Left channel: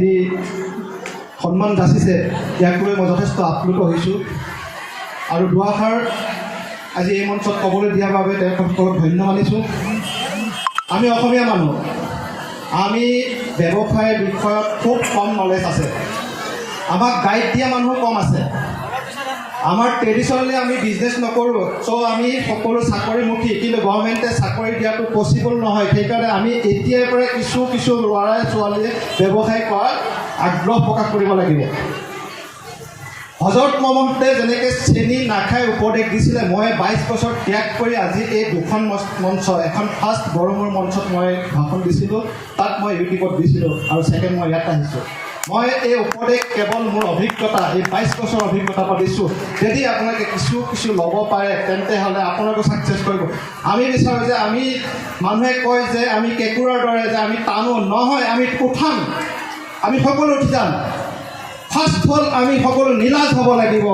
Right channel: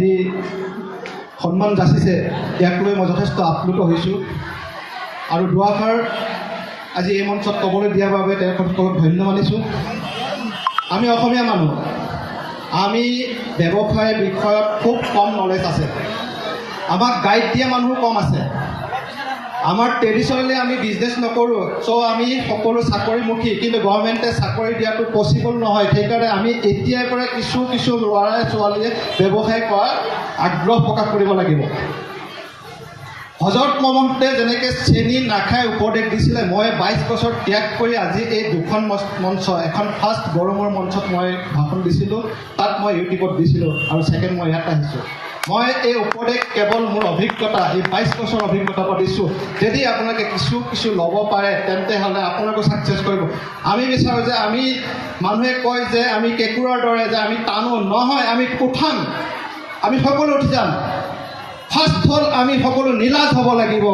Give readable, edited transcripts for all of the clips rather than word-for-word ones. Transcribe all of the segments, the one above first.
যি সন্মান যাচিছে ইয়াক লৈ মই যথেষ্ট আপ্লুত হৈছোঁ আৰু দুআষাৰ আজি এই মঞ্চত ক'বলৈ দিয়াৰ বাবে তেওঁলোকক ধন্য মানিছোঁ। আমি অসমীয়া মানুহ, আমি ব্যৱসায়ৰ বিষয়ত খুব কম নলেজ আছে, আমাক গাইড দিয়া মানুহ কম আছে। আমাৰ ট্ৰেডিশ্যনেলি আমি বিজনেছ নকৰোঁ, চ' আমি সকলো চাকৰিমুখী, কিন্তু গভৰ্ণমেণ্টে চাকৰি দিয়াটো পচিবল নহয়। সেইকাৰণে আমি এতিয়াৰ পৰা কিছু ল'ৰাই ছোৱালীয়ে ব্যৱসায় কৰাৰ আগ্ৰহ প্ৰকাশ কৰিব লাগিব। হজৰত মহম্মদে যেনেকৈ চেনি নাখাই উপদেশ দিছিলে, মই 22 বছৰ ত্যাগ কৰি আজি এই দুখন মঞ্চ, এখন ফাৰ্ষ্ট গৰমৰ মঞ্চত মই ভাষণ দিছিলোঁ, তাত মই ইউটিউবত দিছিলোঁ আৰু ছেকেণ্ড মই ইয়াত আহিছোঁ। মই এই উপদেশ কেৱল মোৰ অভিজ্ঞতা, এই 22 বছৰ অভিজ্ঞতা দিছোঁ। যদি আপোনালোকে কিছু ল'ব পাৰে তেন্তে হ'লে আপোনালোকে ছাকচেছ কৰিব। আমি বিচাৰোঁ যে আমি মানুহে কয় যে আমি কেঁকুৰাৰ দৰে যে আমি টানো, নহয়, আমি উঠাম, আমি সকলো উঠি যাম। ফাৰ্ষ্ট হ'ল আমি সকলো নিলাজ হ'ব লাগিব।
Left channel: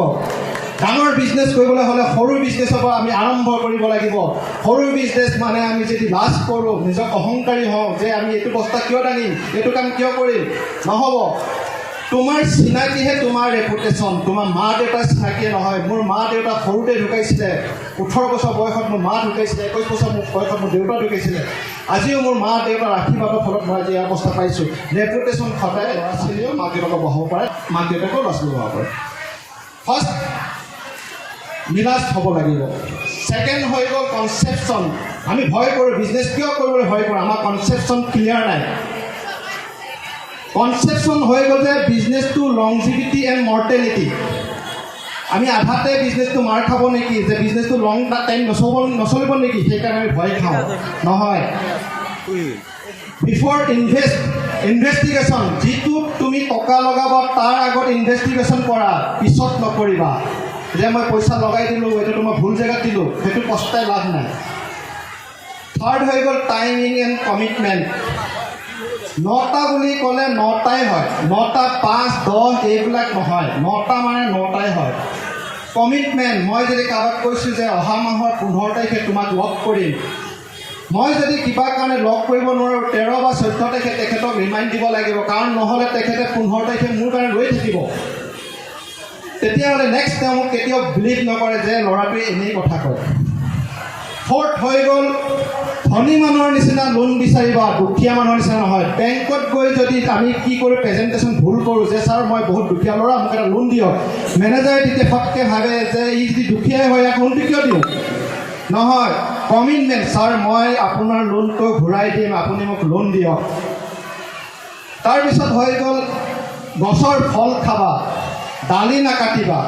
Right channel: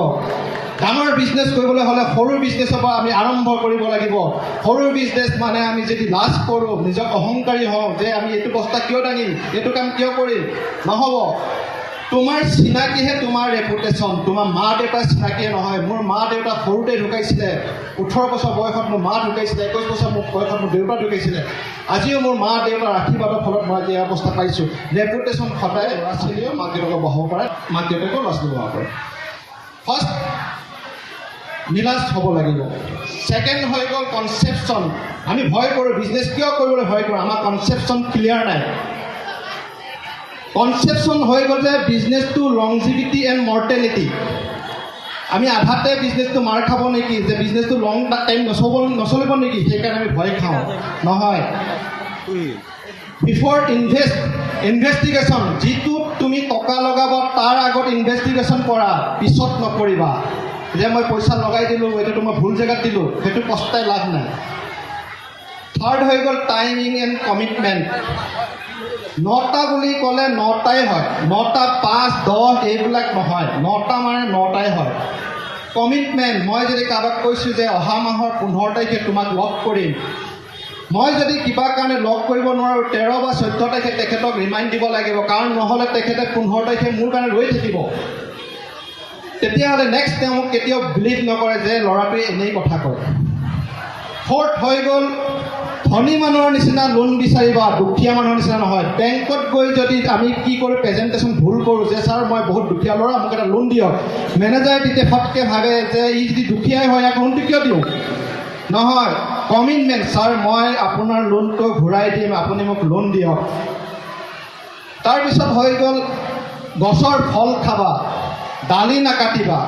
ডাঙৰ বিজনেছ কৰিবলৈ হ'লে সৰু বিজনেছৰ পৰা আমি আৰম্ভ কৰিব লাগিব। সৰু বিজনেছ মানে আমি যদি লাজ কৰোঁ, নিজক অহংকাৰী হওঁ যে আমি এইটো বস্তা কিয় টানিম, এইটো কাম কিয় কৰিম, নহ'ব। তোমাৰ চিনাকিহে তোমাৰ ৰেপুটেশ্যন, তোমাৰ মা দেউতাৰ চিনাকিয়ে নহয়। মোৰ মা দেউতা সৰুতে ঢুকাইছিলে, 18 বছৰ বয়সত মোৰ মা ঢুকাইছিলে, 21 বছৰ বয়সত মোৰ দেউতা ঢুকাইছিলে। আজিও মোৰ মা দেউতাৰ আশীৰ্বাদৰ ফলত মই আজি অৱস্থা পাইছোঁ। ৰেপুটেশ্যন সদায় ল'ৰা ছোৱালীয়েও মাক দেউতাকক বহাব পাৰে, মাক দেউতাকেও ল'ৰা ছোৱালী বহাব পাৰে। ফাৰ্ষ্ট নিলাজ হ'ব লাগিব। ছেকেণ্ড হৈ গ'ল কনচেপশ্যন। আমি ভয় কৰোঁ, বিজনেছ কিয় কৰিবলৈ ভয় কৰোঁ, আমাৰ কনচেপশ্যন ক্লিয়াৰ নাই। কনচেপশ্যন হৈ গ'ল যে বিজনেছটো লংজিভিটি এণ্ড মৰ্টেলিটি। আমি আধাতে বিজনেছটো মাৰ খাব নেকি, যে বিজনেছটো লং টাইম নচলিব নেকি, সেইকাৰণে আমি ভয় খাওঁ। নহয়, বিফৰ ইনভেষ্টিগেশ্যন, যিটো তুমি টকা লগাবা তাৰ আগত ইনভেষ্টিগেশ্যন কৰা, পিছত নকৰিবা যে মই পইচা লগাই দিলোঁ, এইটো মই ভুল জেগাত দিলোঁ, সেইটো পস্তাই লাভ নাই। থাৰ্ড হৈ গ'ল টাইমিং এণ্ড কমিটমেণ্ট। 9টা বুলি ক'লে 9টাই হয়, 9টা 5, 10 এইবিলাক নহয়, 9টা মানে 9টাই হয়। কমিটমেণ্ট, মই যদি কাৰোবাক কৈছোঁ যে অহা মাহৰ 15 তাৰিখে তোমাক লগ কৰিম, মই যদি কিবা কাৰণে লগ কৰিব নোৱাৰোঁ 13 বা 14 তাৰিখে তেখেতক ৰিমাইণ্ড দিব লাগিব, কাৰণ নহ'লে তেখেতে 15 তাৰিখে মোৰ কাৰণে ৰৈ থাকিব। তেতিয়াহ'লে নেক্সট তেওঁ মোক কেতিয়াও বিলিভ নকৰে যে ল'ৰাটোৱে এনেই কথা কয়। ফৰ্থ হৈ গ'ল ধনী মানুহৰ নিচিনা লোন বিচাৰিবা, দুখীয়া মানুহৰ নিচিনা নহয়। বেংকত গৈ যদি আমি কি কৰোঁ, প্ৰেজেণ্টেশ্যন ভুল কৰোঁ যে ছাৰ মই বহুত দুখীয়া ল'ৰা, মোক এটা লোন দিয়ক, মেনেজাৰে তেতিয়া ফটকৈ ভাবে যে ই যদি দুখীয়াই হয় ইয়াক লোনটো কিয় দিওঁ। নহয়, কমিটমেণ্ট, ছাৰ মই আপোনাৰ লোনটো ঘূৰাই দিম, আপুনি মোক লোন দিয়ক। তাৰপিছত হৈ গ'ল গছৰ ফল খাবা, দালি নাকাটিবা।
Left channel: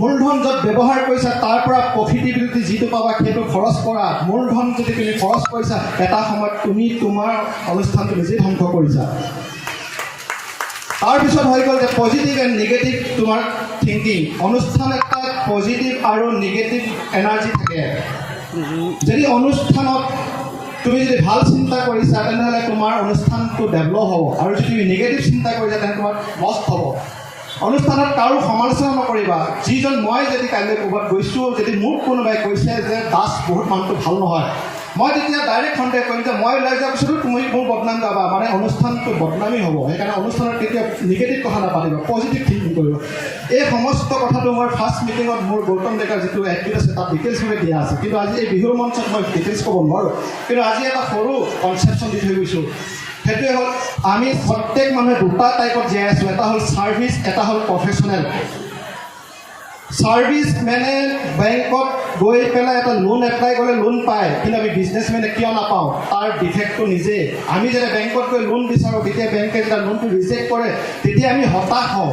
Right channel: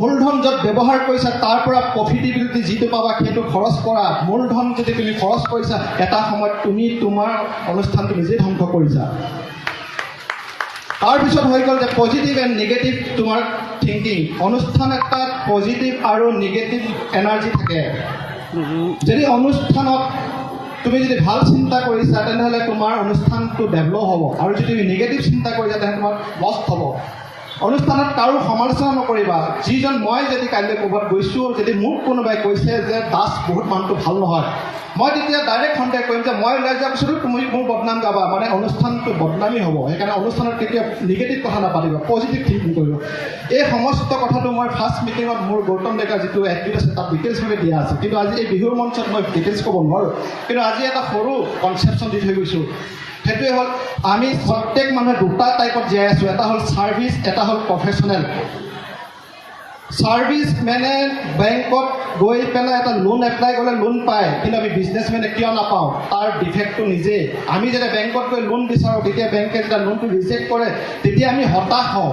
মূলধন য'ত ব্যৱহাৰ কৰিছা তাৰ পৰা প্ৰফিটেবিলিটি যিটো পাবা সেইটো খৰচ কৰা। মূলধন যদি তুমি খৰচ কৰিছা, এটা সময়ত তুমি তোমাৰ অনুষ্ঠানটো নিজেই ধ্বংস কৰিছা। তাৰপিছত হৈ গ'ল যে পজিটিভ এণ্ড নিগেটিভ তোমাৰ থিংকিং। অনুষ্ঠান এটাত পজিটিভ আৰু নিগেটিভ এনাৰ্জি থাকে। যদি অনুষ্ঠানত তুমি যদি ভাল চিন্তা কৰিছা তেনেহ'লে তোমাৰ অনুষ্ঠানটো ডেভেলপ হ'ব, আৰু যদি তুমি নিগেটিভ চিন্তা কৰিছা তেনেহ'লে তোমাৰ লষ্ট হ'ব। অনুষ্ঠানত কাৰো সমালোচনা নকৰিবা। যিজন মই যদি কাইলৈ ক'ৰবাত গৈছোঁ, যদি মোক কোনোবাই কৈছে যে দাস বহুত মানুহটো ভাল নহয়, মই তেতিয়া ডাইৰেক্ট সন্দেহ কৰিম যে মই ওলাই যোৱাৰ পিছতো তুমি মোৰ বদনাম গাবা, মানে অনুষ্ঠানটো বদনামী হ'ব। সেইকাৰণে অনুষ্ঠানত কেতিয়াও নিগেটিভ কথা নাপাতিবা, পজিটিভ থিংকিং কৰিব। এই সমস্ত কথাটো মই ফাৰ্ষ্ট মিটিঙত মোৰ গৌতম ডেকাৰ যিটো এক্টিভ আছে তাত ডিটেইলছভাৱে দিয়া আছে, কিন্তু আজি এই বিহুৰ মঞ্চত মই ডিটেইলছ ক'ব নোৱাৰোঁ। কিন্তু আজি এটা সৰু কনচেপশ্যন দি থৈ গৈছোঁ, সেইটোৱে হ'ল আমি প্ৰত্যেক মানুহে দুটা টাইপত জীয়াই আছোঁ। এটা হ'ল ছাৰ্ভিচ, এটা হ'ল প্ৰফেশ্যনেল। ছাৰ্ভিচ মানে বেংকত গৈ পেলাই এটা লোন এপ্লাই কৰিলে লোন পায়, কিন্তু আমি বিজনেছমেনে কিয় নাপাওঁ, তাৰ ডিফেক্টটো নিজেই। আমি যেতিয়া বেংকত গৈ লোন বিচাৰোঁ, তেতিয়া বেংকে যেতিয়া লোনটো ৰিজেক্ট কৰে তেতিয়া আমি হতাশ হওঁ,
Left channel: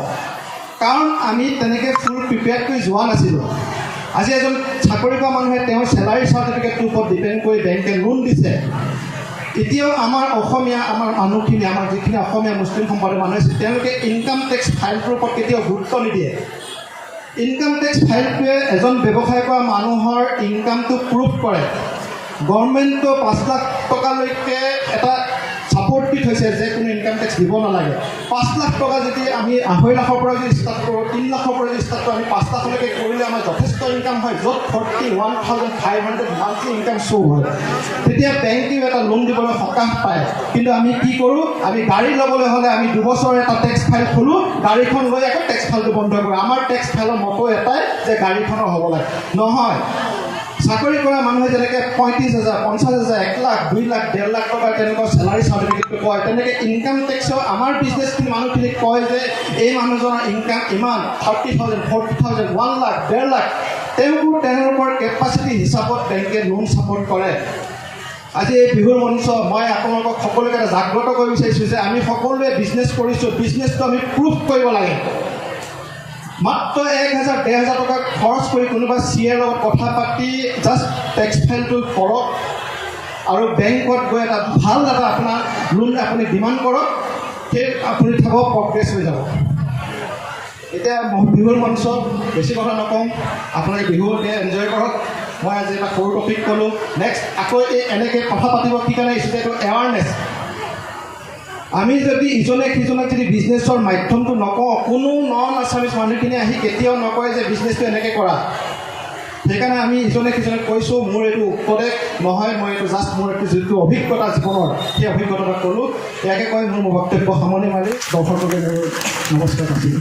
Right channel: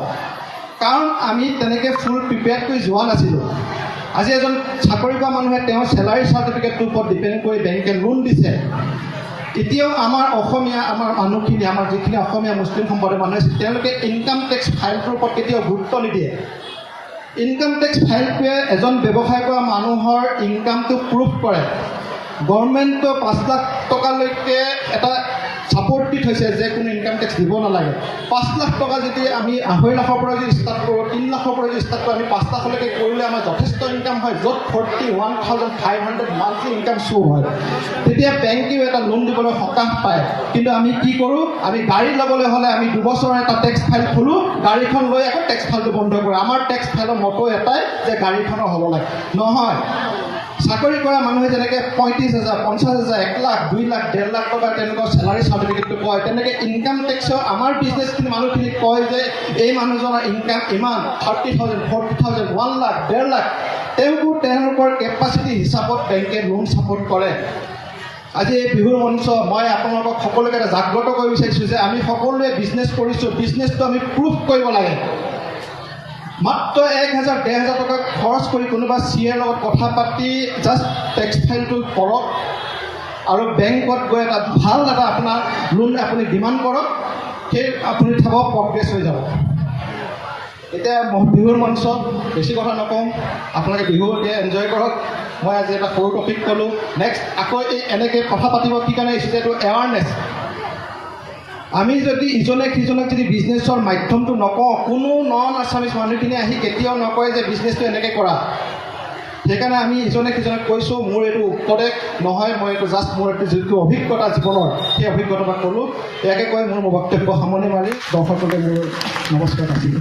কাৰণ আমি তেনেকৈ ফুল প্ৰিপেয়াৰ্ড কৰি যোৱা নাছিলোঁ। আজি এজন চাকৰি কৰা মানুহে তেওঁৰ চেলাৰী চাৰ্টিফিকেটটোৰ ওপৰত ডিপেণ্ড কৰি বেংকে লোন দিছে। এতিয়াও আমাৰ অসমীয়া, আমাৰ মানুহখিনি, আমাৰ যিখিনি অসমীয়া মুছলিম সম্প্ৰদায়ৰ মানুহ আছে, তেওঁলোকে ইনকাম টেক্স ফাইলটোৰ ওপৰত কেতিয়াও গুৰুত্ব নিদিয়ে। ইনকাম টেক্স ফাইলটোৱে এজন ব্যৱসায় কৰা মানুহৰ ইনকামটো প্ৰুভ কৰে। গভৰ্ণমেণ্টে 5 লাখ টকালৈকে এটা ছাপৰ্ট দি থৈছে যে কোনো ইনকাম টেক্স দিব নালাগে। 5 লাখ টকা যদি আমি 2.5 লাখৰ পৰা যদি ষ্টাৰ্ট কৰোঁ, 3 লাখৰ পৰা যদি ষ্টাৰ্ট কৰোঁ, আমি 5 লাখলৈকে কৰিলে আমাৰ যথেষ্ট হাইয়েষ্ট ইনকাম হয় য'ত 41,500 মান্থলি ইনকাম শ্ব' হয় তেতিয়া বেংকেও এটা লোন দিবলৈ সকাহ পায় কিন্তু আমি কি কৰোঁ আমি গাড়ী ল'বলৈ হ'লে আমি 2 বছৰৰ এটা টেক্স ফাইল খোলোঁ গাড়ীখন লৈ আকৌ টেক্স ফাইলটো বন্ধ কৰোঁ আমাৰ টেক্স ফাইলৰ মটো এটাই যে গাড়ীখনৰ হ'ব লাগে নহয় চাকৰি কৰা মানুহে যেনেকৈ 35,000 50,000 1 লাখ 2 লাখ 1.5 লাখ টকা তেনেকুৱা চেলাৰী চাৰ্টিফিকেটটো কয় তেনেকৈ ইনকাম টেক্সৰ আমাৰ বিজনেছখিনি মানুহখিনিক কয় যে এই মানুহজনৰ ইনকাম ইমান 30,000 40,000 1 লাখ 1.5 লাখ তেওঁলোকৰ কেপাচিটি হিচাপত বেংকে লোন ছাপোৰ্ট কৰে আজি এই বিহুৰ মঞ্চ মই আপোনালোকক সকলোকে এটা জাগ্ৰত কৰিব বিচাৰিছোঁ যে আমি সকলোৱে বিজনেছ কৰিছোঁ বিজনেছটো আমি প্ৰুভ কৰিব লাগে মাত্ৰ 1,000-1,500 টকা খৰচ কৰি কোনোবা চিএৰ লগত কথা পাতি জাষ্ট টেক্স ফাইলটো কৰক আৰু বেংকত গৈ এটা ভাল এটা আপোনাৰ লোন আপুনি ডিমাণ্ড কৰক সেই আপুনি চাব প্ৰগ্ৰেছ হৈ যাব এতিয়া বিহুৰ মঞ্চত বেছি কথা নকওঁ আপোনালোকে বিহু এতিয়া এনজয় কৰক মই আজি এটা সৰু টপিক ক'লোঁ নেক্সট আকৌ এই এনেকৈ কথা পাতিব কি কাৰণে আহিছোঁ এইটো এৱাৰনেছ আমি যদি ইজনে সিজনক যদি বিজনেছৰ মাধ্যমটো নকওঁ কোনো নন আছামিজ মানুহখিনি আহি কেতিয়াও নকয় যে বিজনেছটো এনেকৈ কৰা সেইকাৰণে আমি ইজনে সিজনক কৈছোঁ মোৰ এইটো উপদেশ নহয় মই এইটো জাষ্ট মোৰ এইটো যিটো অভিজ্ঞতা জীৱনৰ সেই অভিজ্ঞতা ক'লোঁ ইয়াকে কৈ মোৰ বক্তব্য সামৰণি মাৰি দৰ্শকলৈ মোৰ নমস্কাৰ আছিল